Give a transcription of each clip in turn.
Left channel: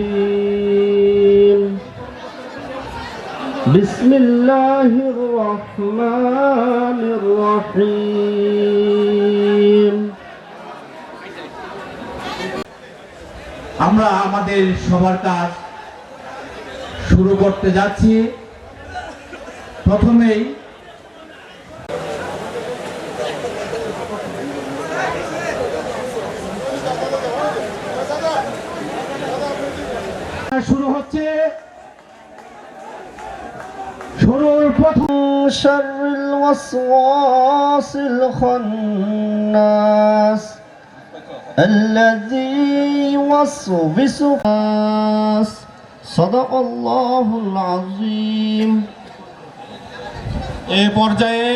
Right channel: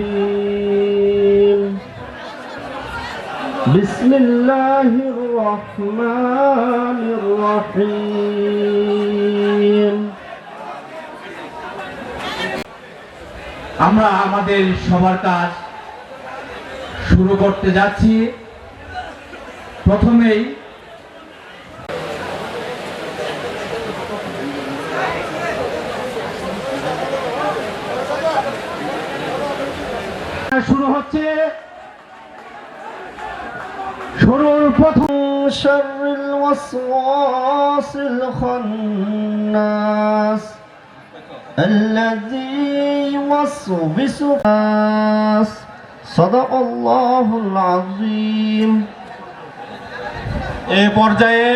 الرجيم بسم الله الرحمن الرحيم আমরা আমাদের সবার কাজ শুরু করতে যাচ্ছি প্রথমেই شر الوسواس الخناس الذي يوسوس الناس. صدق الله العظيم. এই পর্যায়ে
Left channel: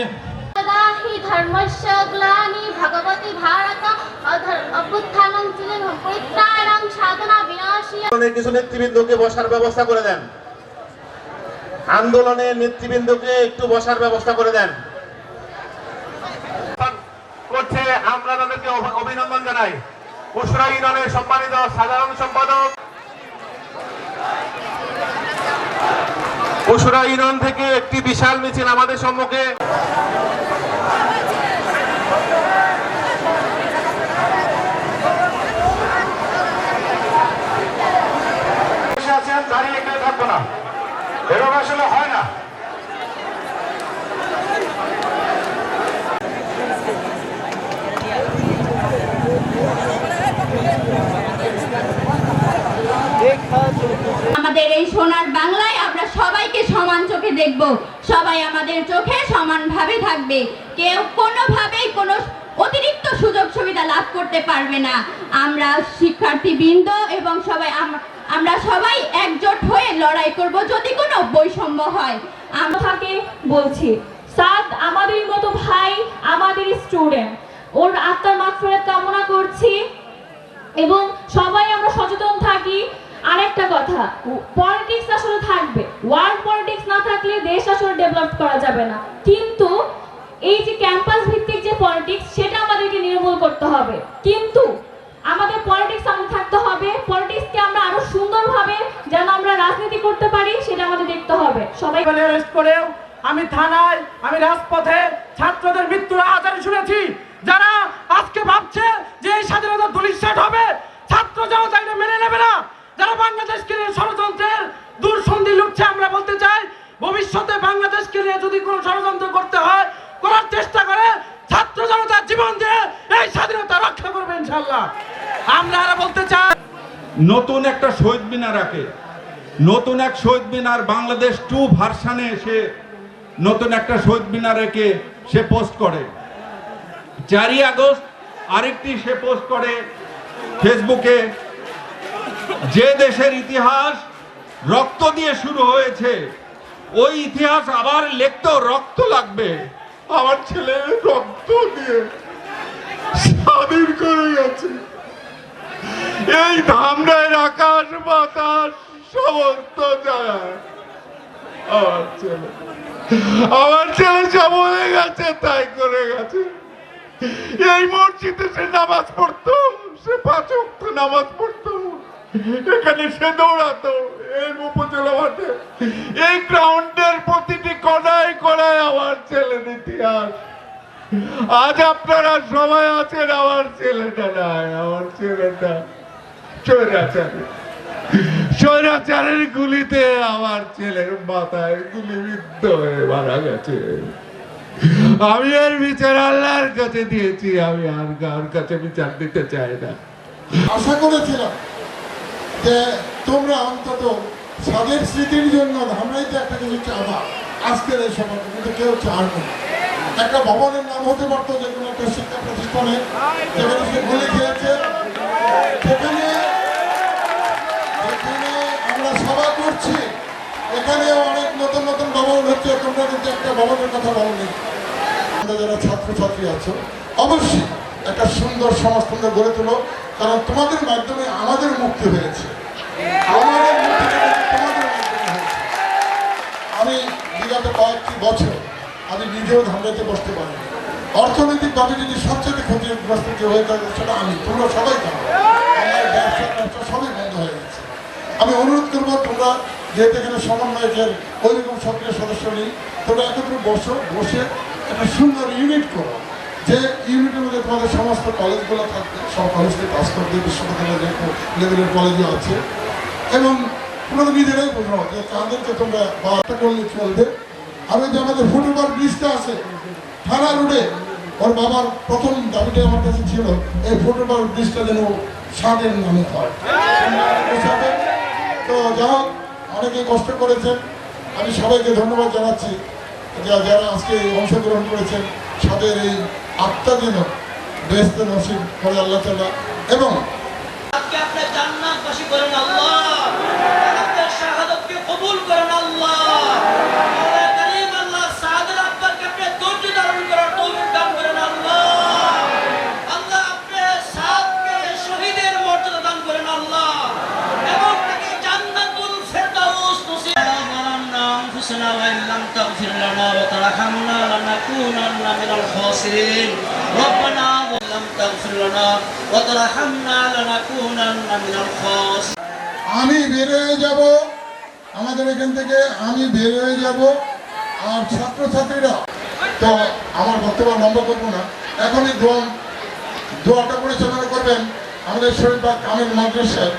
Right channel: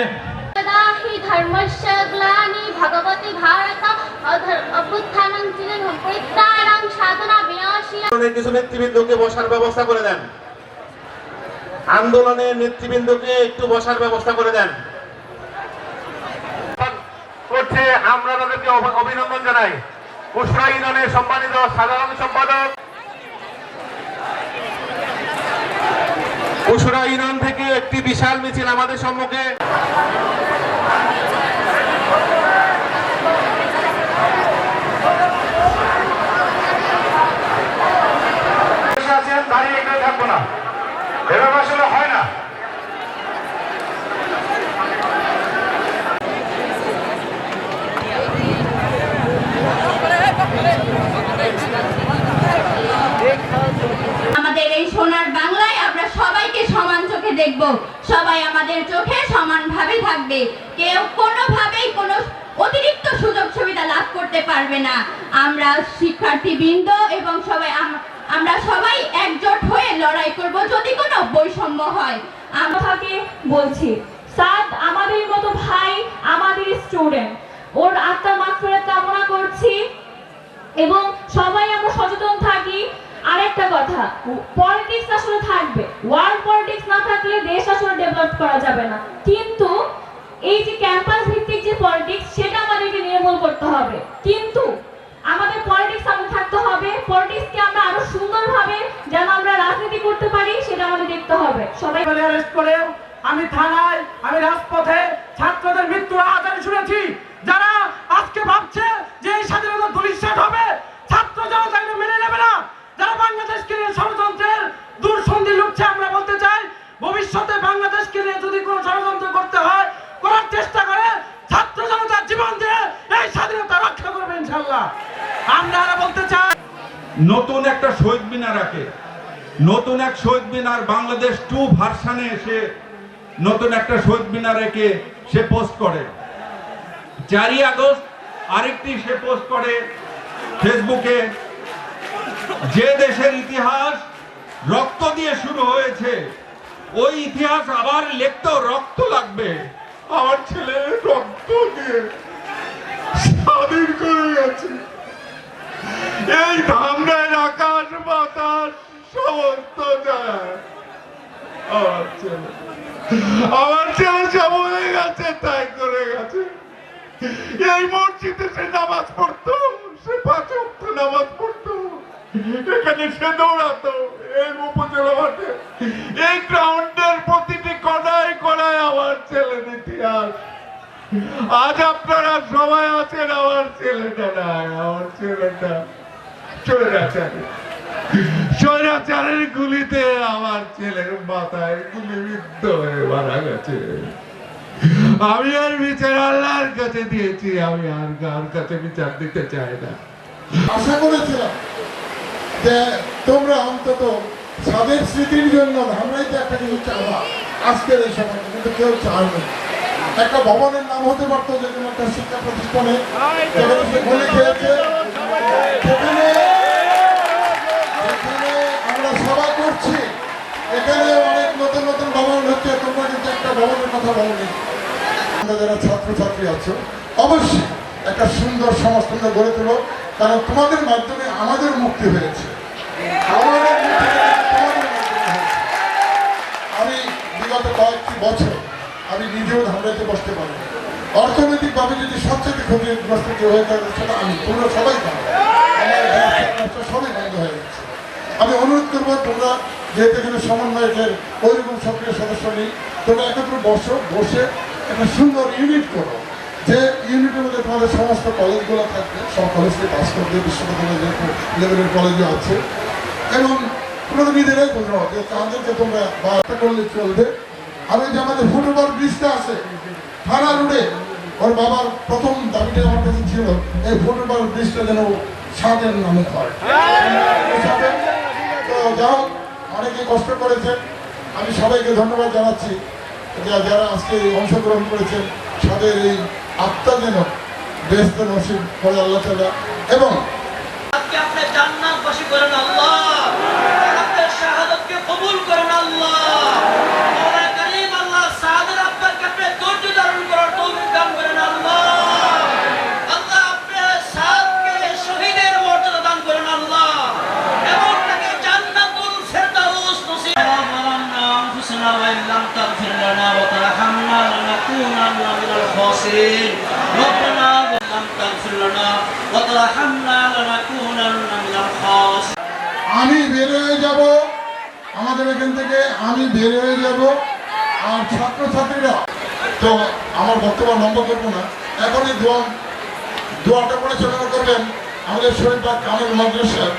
ধর্মস্য গ্লানি ভগবতী ভারত অভ্যুত্থানং সাধনা বিনাশী। কিছু ব্যক্তিবৃন্দকে বসার ব্যবস্থা করে দেন। আন্দোলনের নেতৃবৃন্দকে একটু বসার ব্যবস্থা করে দেন। করছে আমরা তাদেরকে অভিনন্দন জানাই। সম্মানিত সাধারণ সম্পাদক। থেকে একটি বিশাল মিছিল আমাদের সম্মুখে। দাঁড়িয়ে কেউ থাকব না। এভাবে আমাদের এই সোনার বাংলায় আমরা সবাইকে সমান চোখে দেখব। সবাই আমাদের চোখে সমানভাবে থাকবে। কেউ কোনোভাবেই কোনো অতিরিক্ত সুযোগ সুবিধা লাভ করতে পারবে না। আমরা শিক্ষার্থীবৃন্দ এবং সবাই আমরা সবাই একজোট হয়ে লড়াই করব। যদি বৈষম্য হয়। আমাকে বলছি, সাদ, আমাদের মতো ভাই আমাদের স্টুডেন্ট ওর আত্মার মাত্রায় কামনা করছি এবং সবাই আমরা সচেতন থাকি। আরেকটা কথা পলিটিক্স আসলে থাকবে। ওয়ার্ল্ড পলিটিক্স না থাকলে দেশ আসলে ডেভেলপ করা যাবে না। কিন্তু এই যে ক্যাম্পাস ভিত্তিক যে পলিটিক্স সেটা আমাদেরকে নির্মূল করতে হবে। কিন্তু আমাদের পলিটিক্স আমাদের থাকতে হবে পলিটিক্সকে আমরা আরও সুন্দরভাবে যেন আমরা রাজনীতি করতে পারি সেটা আমাদের দেখতে হবে অ্যারেস্ট করেও আমি থানায়, আমি রাজপথে ছাত্রদের মৃত্যু আজ আমি শুনেছি। যারা আজকে ভাবছে যে এই স্বাধীনতা ধূলিসাৎ হবে, ছাত্র জনতা মেনে নেবে না। যারা বাংলাদেশকে নিয়ে ষড়যন্ত্রের দূরসন্ধি লুটছে, আমরা বলতে চাই, ভবিষ্যতে বাংলাদেশকে নিয়ে যদি কোনো ষড়যন্ত্র করতে হয়, করার চেষ্টা করে ছাত্র জনতার জীবন দিয়ে এই স্বাধীনতা রক্ষা করবে ইনশাল্লাহ আমরা বলতে চাই, নতুন একটা শহীদ মিনার রাখে নতুন এক শহীদ মিনার বাংলাদেশ টু ভার্সানে এসে নতুন একটা শহীদ মিনার রেখে সে পোস্ট করে। চারই আগস্ট আরেকটি সে পোস্ট করে ফেসবুকে। যে দেশের ইতিহাস রক্ত দিয়ে শুরু হয়েছে, ওই ইতিহাস আবার লিখতেও রক্ত লাগবে। আমার ছেলে রক্ত দিয়ে স্বাধীন করে গেছে। এই ধামরাই আকাশ বাতাস। সমস্ত জায়গায় আমার ছেলে সব হয়ে গেছে, তাই করে গেছে। এই মসজিদে সে নামাজ পড়তো, সে পাঁচ নামাজ পড়তো। এখানে সে দৌড়াতো, এই উপজেলা এই গ্রাউন্ডের প্রতিটি কদাই কদাই আমার ছেলের ইতিহাস আজ আপনারা সবাই আছেন, আমার ছেলেটা নাই, আমার ছেলেটা স্বৈরাচারী স্বৈরাচারের গুলিতে আমার ছেলের মাথায় গুলি বিদ্ধ হয়ে মারা গেছে। আমি এর বিচার আল্লাহর কাছে দিয়েছি, আমি আর কার কাছে বিচার দিতে চাই না। আশা করেছিলাম যে তোমরা অন্তত স্বাদের স্মৃতির জন্য আমরাই তো একটা কিছু চাবা আজকের এই সময়, কিন্তু কেউ চায়নি একটা ভবনের নাম হতে পারতো, যে কোনো একটা শিক্ষা প্রতিষ্ঠানে খেয়েছে। সেখানে এখানে অনেক নতুন নতুন ভবন হচ্ছে, তোমরা কিন্তু একটা ভবনের কথা বলনি আমরা যারা ছাত্রছাত্রী আছো, অবশ্যই একটা সুন্দর সমাজ তোমরা গড়ে তোলো, কারণ তোমাদের মাধ্যমে আমাদের মুক্তি হয়েছে। আমাদের। আমি বিগত কয়েকটি বছর আমি নিজেও ধান্দাতে বসতে পারি অর্থনৈতিকভাবে যদি সবচেয়ে ক্ষতিগ্রস্ত কেউ হয়ে থাকে, সেটা আমি, তোমরা সবাই আমার সবই বন্ধ হয়ে গেছে। বলব তোমরা যেহেতু এখানে সমন্বয়কের ওইরকম সক্রিয় সদস্য নেই তোমরা একত্রে বসো বসে একটা সুন্দর ইউনিট করো, যে ইউনিটের মধ্যে তোমাদের সমস্ত কলেজগুলো থাকবে, সব কলেজকে পাস করবে, বিশ্ববিদ্যালয় লেভেলের কলেজে আছে। এবং তোমরা নিজেরাই তোমরা যে তাদেরকে তোমরা বার্তা করলে চলবে। আর ওই যে আমাদের ফুটবল ব্রিজটা আছে, থানা রোডে, ওর বাবার প্রথম দাবিটা আমার কাছে ছিল, এই ফুটবল ব্রিজটা যেন সাদের নামে হয়। তো যাও অনেকে কষ্ট করেছেন। আমি সবাইকে ধন্যবাদ জানাচ্ছি যারা আজকে অংশগ্রহণ করেছেন তাদের এই আত্মা যেন বেস্ত নসিব করে আল্লাহ তালা এবং করেন আল্লাহ। আপনার শাহাদতকে কবুল করেন আল্লাহ। الخاسرين ربنا إن لم تغفر لنا وترحمنا لنكونن من الخاسرين আমি বের হয়ে যাব আমাদের এখান থেকে আমি বের হয়ে যাব আর ছাত্রছাত্রীরা তো আমার বক্তব্য লম্বা করবো না এখনই দোয়া দোয়াটা করে চলে করবেন আমাদের শরীর বা কামের মাদ্রাসার